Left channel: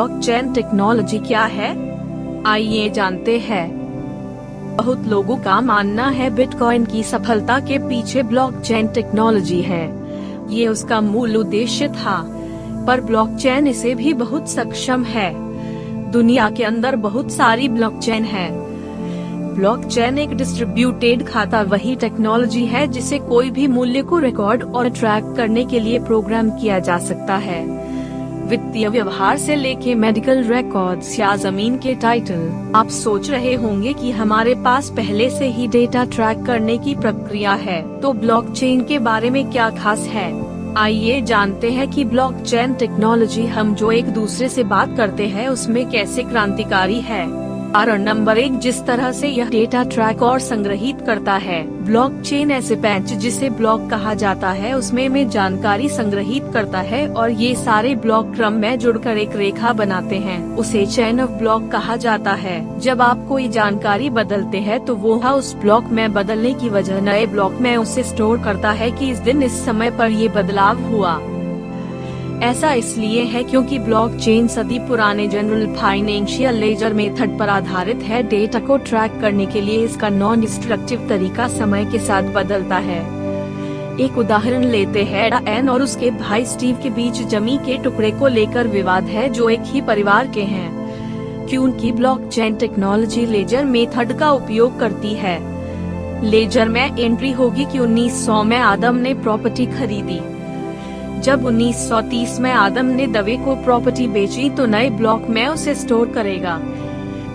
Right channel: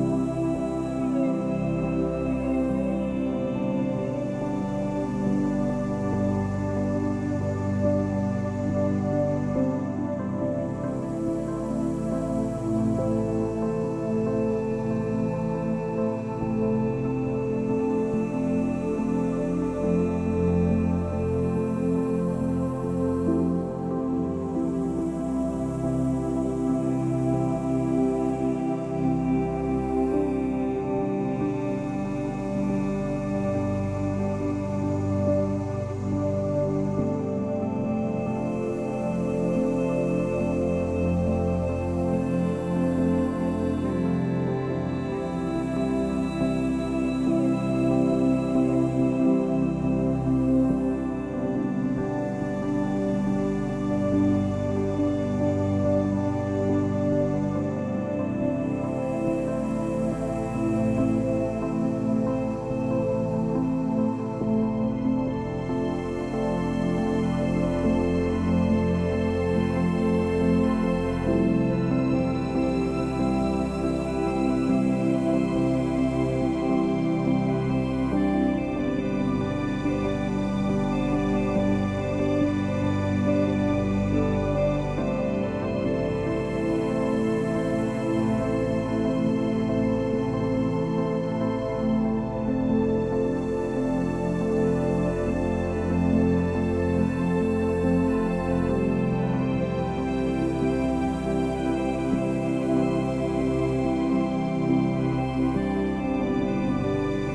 Blockchain technology क्या है? आइए जानते हैं। बहुत लोगों का मानना है बिटकॉइन की सफलता के पीछे ब्लॉकचेन टेक्नोलॉजी है। ये उसका मूल उद्देश्य था, पर ब्लॉकचेन इसे भी बहुत सक्षम है। दुनिया के अंदर बहुत सारी ब्लॉकचेन है। ब्लॉकचेन एक डिस्ट्रीब्यूटेड खाता वही टेक्नोलॉजी है जिसे कोई भी मूल्य को रिकॉर्ड और ट्रैक करने के लिए प्रोग्राम किया जा सकता है। वित्तीय व्यवहार से लेके मेडिकल रिकॉर्ड्स या जमीन के टाइटल। आप सोच रहे होंगे कि हमारे पास पहले से ही डेटा ट्रैक करने की प्रक्रिया है, तो ब्लॉकचेन के बारे में क्या खास है? आइए जानते हैं कि ब्लॉकचेन टेक्नोलॉजी हम जो एक दूसरे से बात करते हैं उसमें कैसे क्रांतिकारी है। कारण नंबर 1, जिस तरह से यह डेटा ट्रैक और संग्रहित करता है। ब्लॉकचेन ऐसे पैच जिसे ब्लॉक कहा जाता है उसमें जानकारी संग्रहित करता है और ये सारे ब्लॉक क्रम में जुड़कर एक रेखा बनाते हैं। उसे चेन ऑफ ब्लॉक कहा जाता है। जब आप कोई जानकारी बदलते हैं तो वो उस ब्लॉक में बदलने की वजह नए ब्लॉक में उसे स्टोर करता है कि इस दिन इस समय पर ये बदलाव हुआ। ऐसा इसलिए है क्योंकि ब्लॉकचेन सदी पुराने जनरल फाइनेंशियल लेजर मेथड पर आधारित है। डेटा को ट्रैक करने के लिए इसका नॉन डिस्ट्रक्टिव तरीका समय के साथ बदलता है। एक उदाहरण लेते हैं। एन और उसके भाई स्टीव के बीच जमीन के टुकड़े को लेकर विवाद है जो एक ही परिवार के हैं, क्योंकि ब्लॉकचेन टेक्नोलॉजी लेजर मेथड का उपयोग करती है। लेजर में एंट्री होगी कि 1900 में आदम ने प्रॉपर्टी खरीदी। जब 1930 में आदम ने दवे को प्रॉपर्टी बेची तो नए ब्लॉक में उसे स्टोर करेगा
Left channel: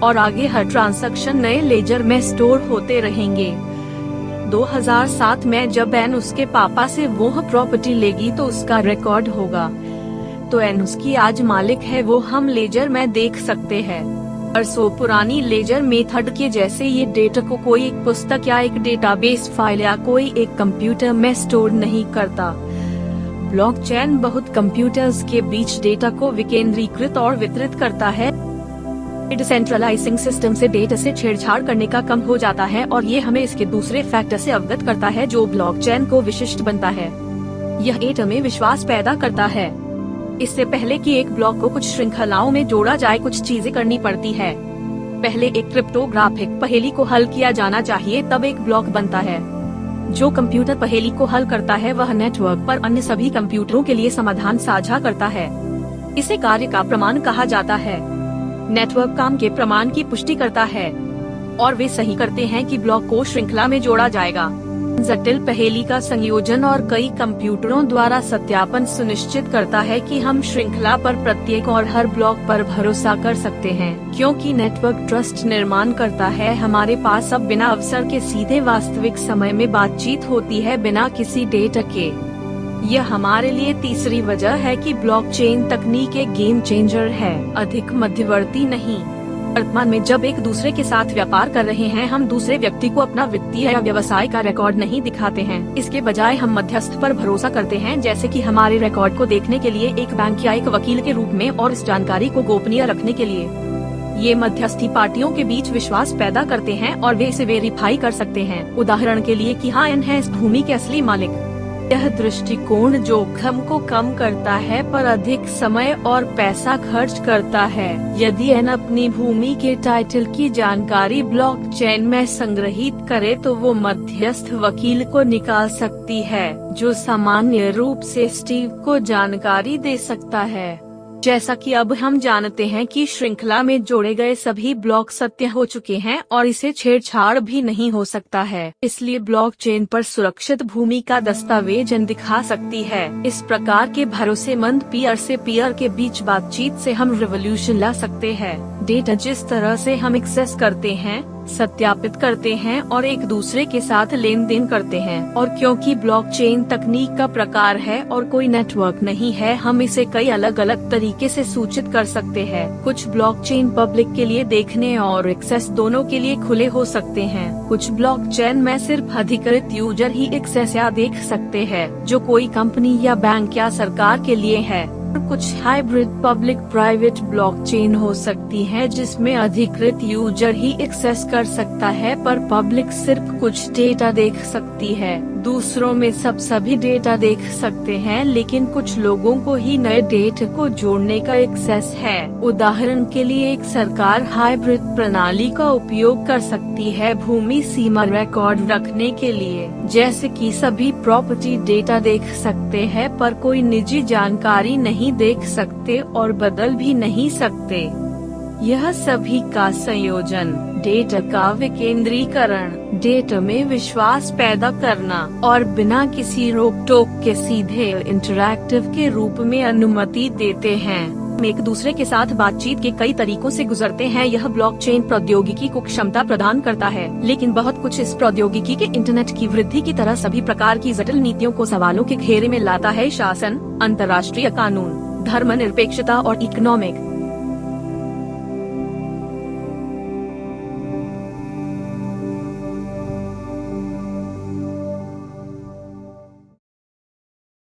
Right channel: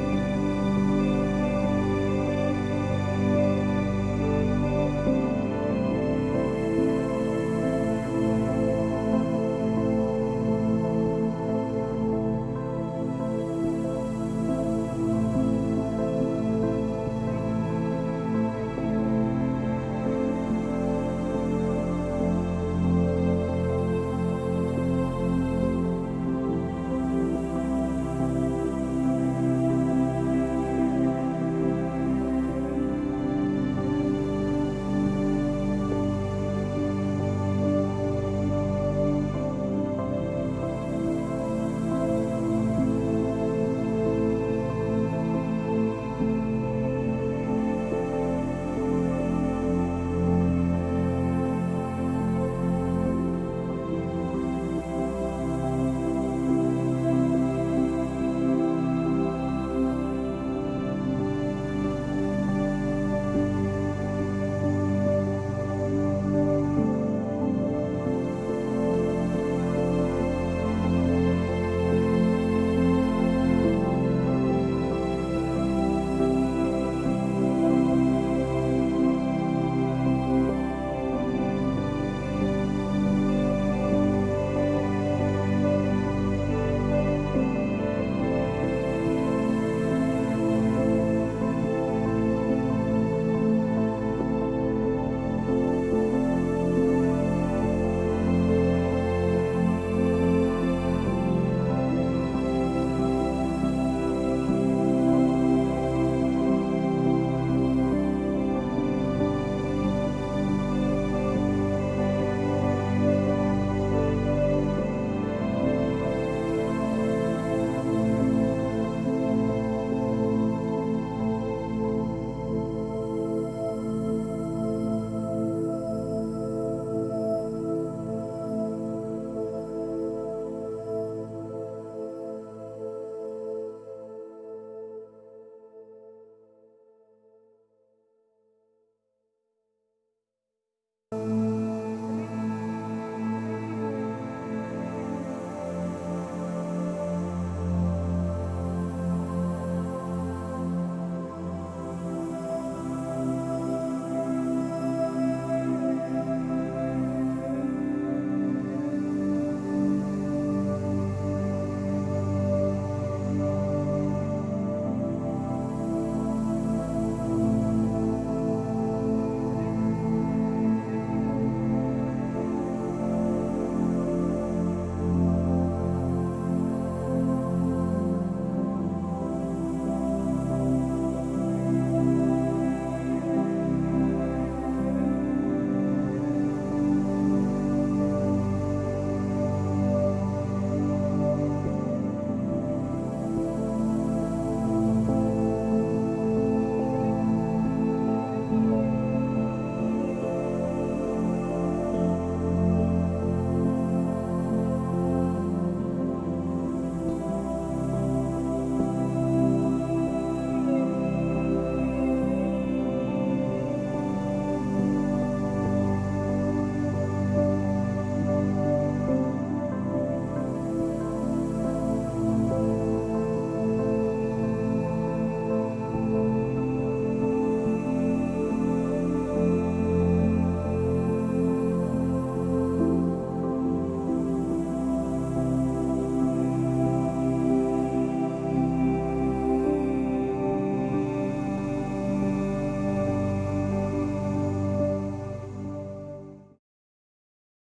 और आगे हर ट्रांजैक्शन नए लेजर में स्टोर होते रहेंगे। 2007 में जब एन उसके पापा से वो प्रॉपर्टी लेगी तो उसका रिकॉर्ड होगा। तो एन उसकी आज मालिक है, वो हम लेजर में देख सकते हैं। बरसों पुरानी लेजर मेथड के जैसे ये डेटा को कोई एक पुस्तक या एक डेटाबेस फाइल या कोई एक कंप्यूटर में स्टोर नहीं करता। ब्लॉकचेन बहुत कंप्यूटर्स के बीच डेटा को विकेंद्रीकृत और वितरित करता है। डिसेंट्रलाइजिंग सिस्टम से डेटा से छेड़छाड़ करने का कम हो जाता है और ये हमें इसके दूसरे फैक्टर से अवगत करता है जो ब्लॉकचेन को विशिष्ट बनता है। यह डेटा में विश्वास पैदा करता है। इससे पहले कि एक ब्लॉक को कुछ श्रृंखलाओं में जोड़ा जाए कुछ चीजें करनी पड़ती है। पहले एक क्रिप्टोग्राफिक पहेली को हल किया जाना चाहिए, तब एक ब्लॉक बनता है। जो कंप्यूटर पहेली को हल करता है वह नेटवर्क पर अन्य सभी कंप्यूटरों के लिए समाधान साझा करता है। इसे कार्य का प्रमाण कहा जाता है। नेटवर्क काम के प्रमाण की पुष्टि करता है और वे सही करते हैं कि ब्लॉक को श्रृंखला में जोड़ा जाएगा। जटिल पहेली का संयोजन और कई कंप्यूटरों द्वारा सत्यापन सुनिश्चित करता है कि हम श्रृंखला पर प्रत्येक और हर ब्लॉक पर भरोसा कर सकते हैं। क्योंकि नेटवर्क ट्रस्ट निर्माण करता है, हमारे पास अब बिना अवसर के सीधे वास्तविक समय में बातचीत होती है बिना किसी डेटा के। यह हमारे लिए तीसरी वजह है कि ब्लॉकचेन तकनीक एक गेम चेंजर है, अधिक मध्यवर्ती नहीं। वर्तमान में जब एक दूसरे के साथ व्यापार कर रहे हैं, हम दूसरे व्यक्ति को अपना वित्तीय या व्यवसाय का रिकॉर्ड नहीं दिखाते हैं। इसके बजाय हम मध्यस्थ पर भरोसा करते हैं, जैसे कि हमारे रिकॉर्ड को देखने के लिए एक बैंक या एक वकील के रूप में और इस जानकारी को गोपनीय रखने के लिए। ये मध्यस्थी पार्टियों के बीच विश्वास पैदा करते हैं और वे इसे वेरीफाई कर सकते हैं। उदाहरण के लिए कि हाँ, एन है इस भूमि के असली मालिक। यह दृष्टिकोण जोखिम को कम करता है पर अधिक समय और पैसा खर्च करता है। यदि एन अपनी भूमि के टाइटल की जानकारी ब्लॉकचेन में संग्रहित करे तो वो मध्यस्थ वकील को निकाल सकती है, जो सामान्य रूप से स्टीव को जानकारी दे सकता है। जैसा कि अब हम जानते हैं कि श्रृंखला में जोड़े गए सभी ब्लॉक सत्य हो चुके हैं और इसे छेड़छाड़ भी नहीं हो सकता है। इसलिए ब्लॉकचेन पर सुरक्षित भूमि का दस्तावेज दिखा सकती है। इस प्रकार के भरोसेमंद पीयर से पीयर के बीच बातचीत से हम रिवॉल्यूशन ला सकते हैं। डेटा जिस तरह से हम एक्सेस करते हैं, सत्यापित करते हैं और एक दूसरे के साथ लेन देन करते हैं। और क्योंकि ब्लॉकचेन तकनीक का प्रकार है और कोई नेटवर्क नहीं है, हम इसे कई अलग अलग तरीके से सूचित कर सकते हैं। कुछ ब्लॉकचेन पब्लिक के लिए देखने और एक्सेस दोनों के लिए खुले हो सकते हैं। कुछ ब्लॉकचेन में सिर्फ अधिकृत यूजर ही एक्सेस या देख सकते हैं, जो कोई कंपनी या बैंक या सरकार के लिए है। कुछ हाइब्रिड पब्लिक प्राइवेट ब्लॉकचेन हो सकती है जिसमें अधिकृत यूजर ही एक्सेस कर सकता है, पर पब्लिक सिर्फ कुछ डेटा देख सकती है। दूसरों में सभी डेटा देख सकते हैं, लेकिन कुछ लोगों को ही नए डेटा को जोड़ने का एक्सेस है। उदाहरण के लिए एक सरकार हाइब्रिड प्रणाली का उपयोग कर सकती है भूमि सीमा रिकॉर्ड रखने के लिए, जैसे कि सभी प्रॉपर्टी डेटा देख सकते हैं पर कोई निजी जानकारी नहीं देख सकते और बदल भी नहीं सकते। यह सभी का संयोजन, डेटा का विकेंद्रीकरण, डेटा में विश्वास पैदा करना और बिना किसी रोक टोक के सीधे इंटरैक्टिव के रूप में अनुमति देते हैं। एक दूसरे के साथ बातचीत के कई तरीकों से गुजरते हैं। यह ब्लॉकचेन प्रौद्योगिकी को क्षमता प्रदान करता है, लेकिन बहुत कुछ इस प्रौद्योगिकी के इंटरनेट की वृद्धि की तरह सभी प्रकार की जटिल नीतियों को सवालों के घेरे में लाता है। शासन, अंतर्राष्ट्रीय कानून, धर्मनिरपेक्षता और इकोनॉमिक